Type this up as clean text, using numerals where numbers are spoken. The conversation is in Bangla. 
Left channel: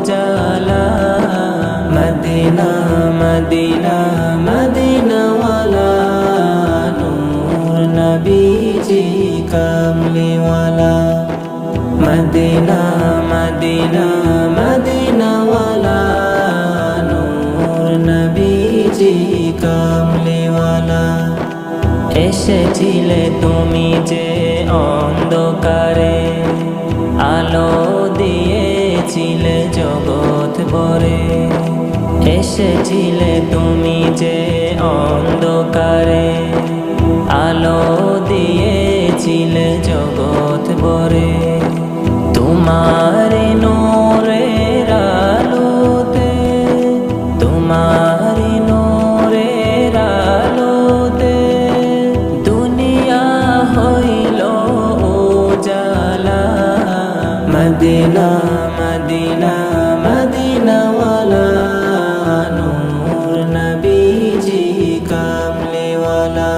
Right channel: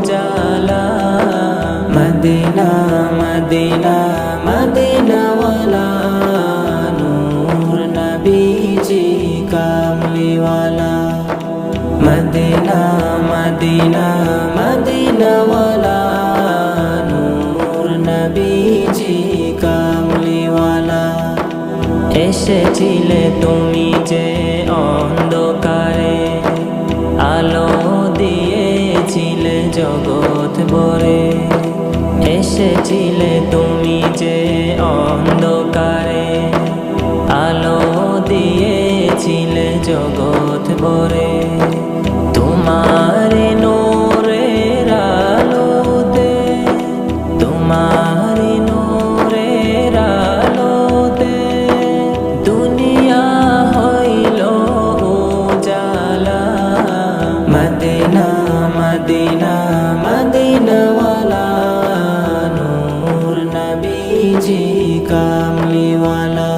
উজালা মদিনা মদিনা মদিনাওয়ালা নূর নবীজি কামলিওয়ালা মদিনা মদিনা মদিনাওয়ালা নূর নবীজি কামলিওয়ালা এসেছিলে তুমি যে অন্ধকারে আলো দিয়েছিলে জগৎ ভরে এসেছিলে তুমি যে অন্ধকারে আলো দিয়েছিলে জগৎ ভরে তোমারি নূরের আলোতে তোমারি নূরের আলোতে দুনিয়া হইল উজালা মদিনা মদিনা মদিনাওয়ালা নূর নবীজি কামলিওয়ালা।